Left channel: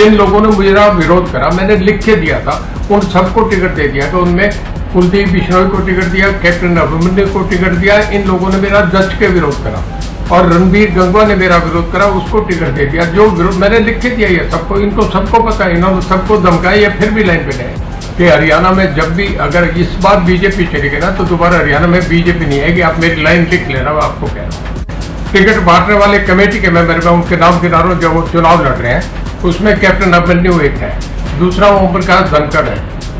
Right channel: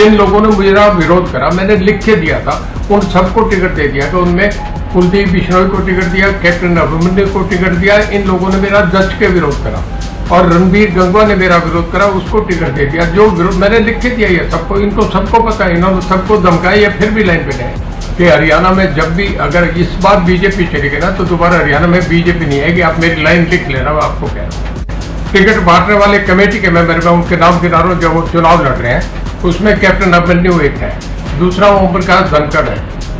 जिन लोगों ने मेरा विरोध करा, मैंने लिख के दिया था, उन सबको टिकट दे दिया। तो उनमें कुलदीप बिश्नोई को टिकट दिया, कैप्टन अभिमन्यु को टिकट दिया। इन लोगों ने मेरा जज के विरोध करा और रणबीर गंगवा ने मेरा विरोध करा, उसको टिकट दे दिया। जो विरोध मैंने लिख के दिया ये सबको, इनको सबको पता है, इन्होंने सबको धमकाया, ये फिर भी लाइन पे गए कि हरियाणा में जब भी अगर इस बार बीजेपी चली गई ना तो दोबारा हरियाणा में बीजेपी नहीं आएगी। आप मेरी लाइन लिख लेना, मैं आपको कह रहा हूँ। टिकट बांटने वाले कमेटी के मेंबर में उनके नाम गिना रहा हूं, जो वो चुनाव लड़ रहे हैं। उसमें कैप्टन अभिमन्यु एक है, दूसरा ओम प्रकाश धनखड़ है,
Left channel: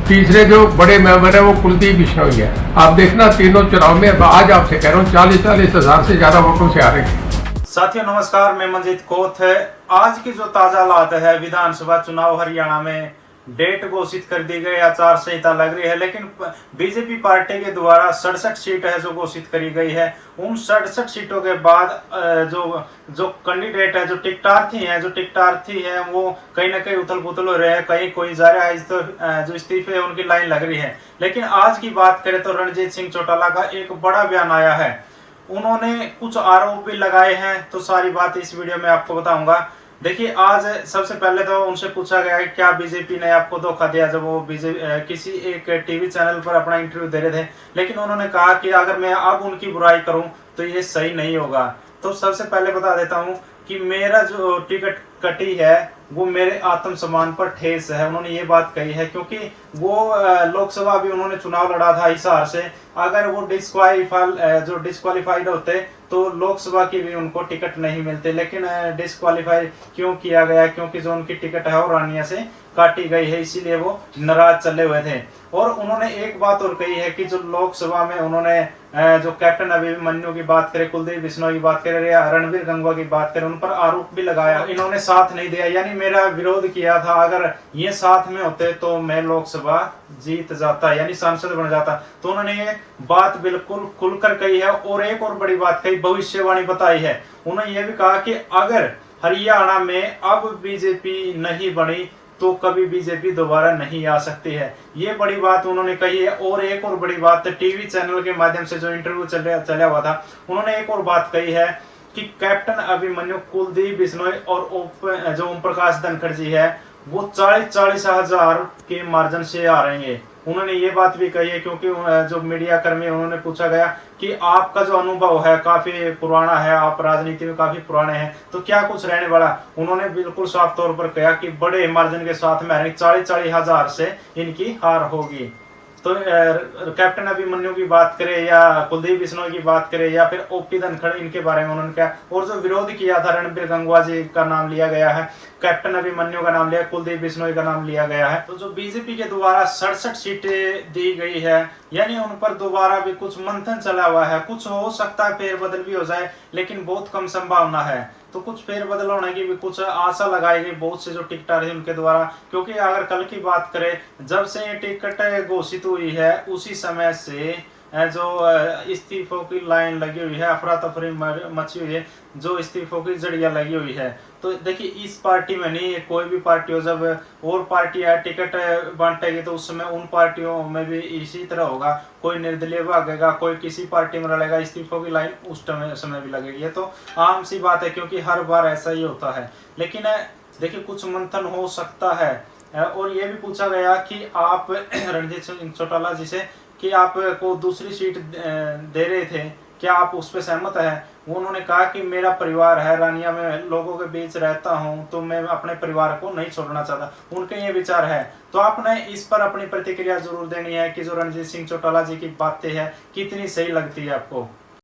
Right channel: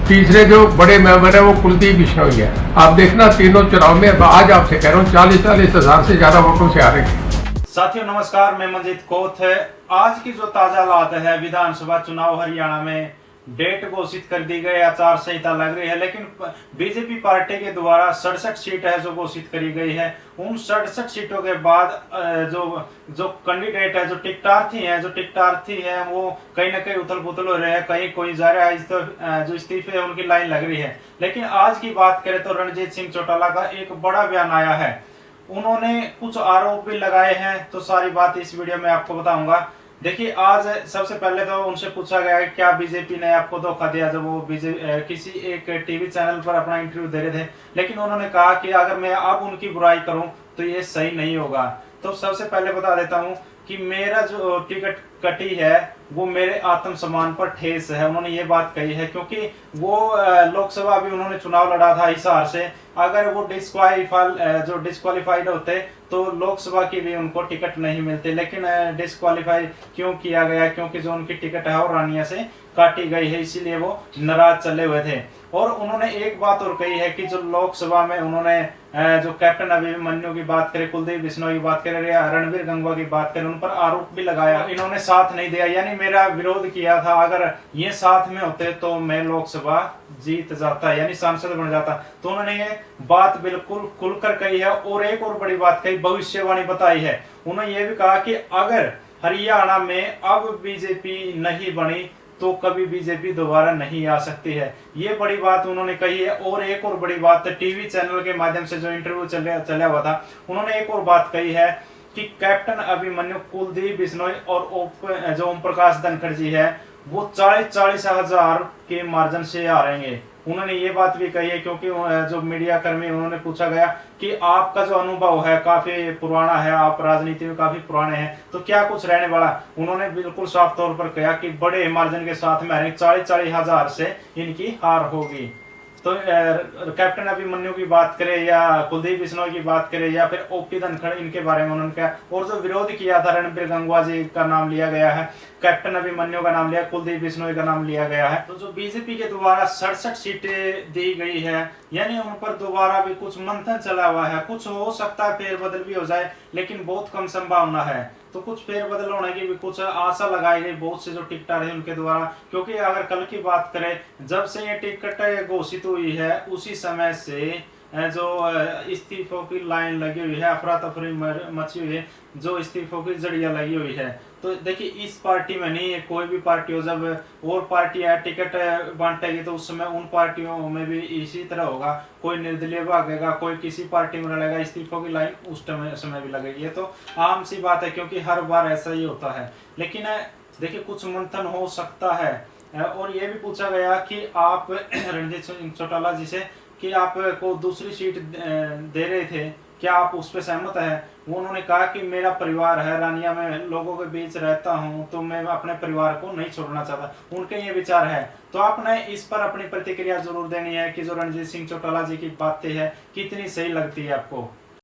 तीसरे जो बड़े मेंबर है वो कुलदीप बिश्नोई है। आप देखना तीनों चुनाव में, आज आपसे कह रहा हूँ, 40-40 हजार से ज्यादा वोटों से हारेंगे। साथियों नमस्कार, मैं मंजीत कोथ है। आज की जो ताजा हालात है, विधानसभा चुनाव हरियाणा में डेट घोषित कर दी गई, आचार संहिता लग रही है, लेकिन बीजेपी पार्टी के द्वारा 67 सीट है जो घोषित करी गई है। उन 67 सीटों के बाद जो कैंडिडेट है, जो टिकटार्थी है, वो कहीं ना कहीं उथल पुथल हो रहे हैं, कहीं कोई जा रहा है, तो जो इस्तीफे है उनकी लाइन लग रही है। लेकिन आज की बात करें तो रणजीत सिंह चौटाला का एक बड़ा बयान आया है। उन्होंने कुछ आरोप भी लगाए हैं, तो सारी बात इस वीडियो में आपको बताऊंगा। देखिए, आज सबसे पहले तो उनसे पूछा गया कि क्या बीजेपी ने आपको धोखा दिया, जब वो किसी एक टीवी चैनल पर अपना इंटरव्यू दे रहे थे। लेकिन उन्होंने कहा कि अगर मैं अब उनकी बुराई करूं तो ये सही नहीं होगा। तो सबसे पहले बता देता हूं कि मेरा जो टिकट कटी है वो मेरे आत्मसम्मान पर ठेस है। उन्होंने ये बात कही है क्योंकि वो लोकसभा भी उन्होंने चुनाव लड़ा था हिसार से। अगर वो डिस्क्वालीफाइड होते तो लोकसभा की भी उनको टिकट नहीं मिलते, लेकिन डिस्क्वालीफाई क्यों किया गया? क्योंकि जो उनकी टिकट है वो रानिया से काटी गई है, इसीलिए वो नाराज चले हुए थे। और उन्होंने एक बात और कही है कि जो लोकसभा में उन्होंने जो कैप्टन अभिमन्यु की बात करें, कुलदीप बिश्नोई की बात करें या रणबीर गंगवा की बात करें, उन पर आरोप भी लगाया। इन्होंने साथ नहीं दिया, यानी मेरा विरोध किया था। अगर ये साथ में होते तो मैं लोकसभा जीत जाता, यानी सांसद बन जाता। तो उन्होंने ये बात बिल्कुल खुलकर कही है। और एक और बड़ी बात कही, भविष्यवाणी बताई है। उन्होंने ये भी कहा कि अगर हरियाणा में अब बीजेपी नहीं बनी तो कभी बीजेपी दोबारा नहीं आ सकती है। ये बड़ी बात उन्होंने कही है। और एक और बड़ी बात, टीवी चैनल के माध्यम से जो इंटरव्यू चला हुआ था, उन्होंने एक और बात कही है कि कैप्टन अभिमन्यु, कुलदीप बिश्नोई और जो ओम प्रकाश धनखड़ जी है वो 40-40 हजार के मार्जिन से हारेंगे। उन्होंने ये बात भी कही है क्योंकि जो मीडिया कर्मी, उन्होंने पूछा गया कि आपका जो अनुभव है काफी पुराना है, आप राजनीति में काफी पुराने हैं, तो क्या कुछ रहने वाला? उन्होंने बिल्कुल साफ तौर पर कहा कि बड़े मार्जिन के साथ में 40-40 हजार से इनकी हार होगी। तो कैप्टन अभिमन्यु की बात करें या कुलदीप बिश्नोई की बात करें या फिर ओपी धनखड़, इनके बारे में उन्होंने कहा। और जो विरोध किया था, रणबीर गंगवा जी का नाम लिया गया है, कैप्टन अभिमन्यु का नाम लिया, कुलदीप बिश्नोई का नाम लिया गया है। तो जो बीजेपी के द्वारा 67 सीटें दी गई है, यानी उन पर दोबारा भी कुछ मंथन चला हुआ है। कुछ हो सकता है फेरबदल भी हो जाए, लेकिन बहुत कम संभावना है। तो कुछ फेरबदल होने की भी कुछ आशा लगाई गई बहुत से जो टिकटर है उनके द्वारा। क्योंकि अगर कल की बात करें, जब से ये टिकट घोषित हुई है उसी समय से जो इस्तीफों की लाइन लगी हुई है, अफरा तफरी मची हुई है, जो इस्तीफों की जड़ियां लगी हुई है। तो देखिए, इस पार्टी में नहीं, कोई भी पार्टी हो, जब और पार्टियां टिकट बांटेगी तो उस समय उन पार्टियों में भी इसी तरह होगा। कोई निर्दलीय भागेगा, कोई किसी पार्टी में लड़ेगा, इस्तीफों की लाइन उस समय भी लगेगी। ये तो आम सी बात है क्योंकि हर बार ऐसा ही होता है। लेकिन देखिए, कुछ मंथन हो सकता है। और ये भी पूछा गया कि आप रणजीत सिंह चौटाला जी से कि आपको दूसरी सीट दे रहे थे, क्या आप उस पर सहमत है? वो उन्होंने कहा कि मेरा परिवार है, रानिया में लोगों के बीच रहता हूं, तो मैं अपने परिवार को नहीं छोड़ना चाहता। उनके ये विचार है। तो आपने इस पर अपनी प्रतिक्रिया जरूर देनी है कि जो रणजीत सिंह चौटाला जी की बातें हैं कितनी सही लगती है आपको।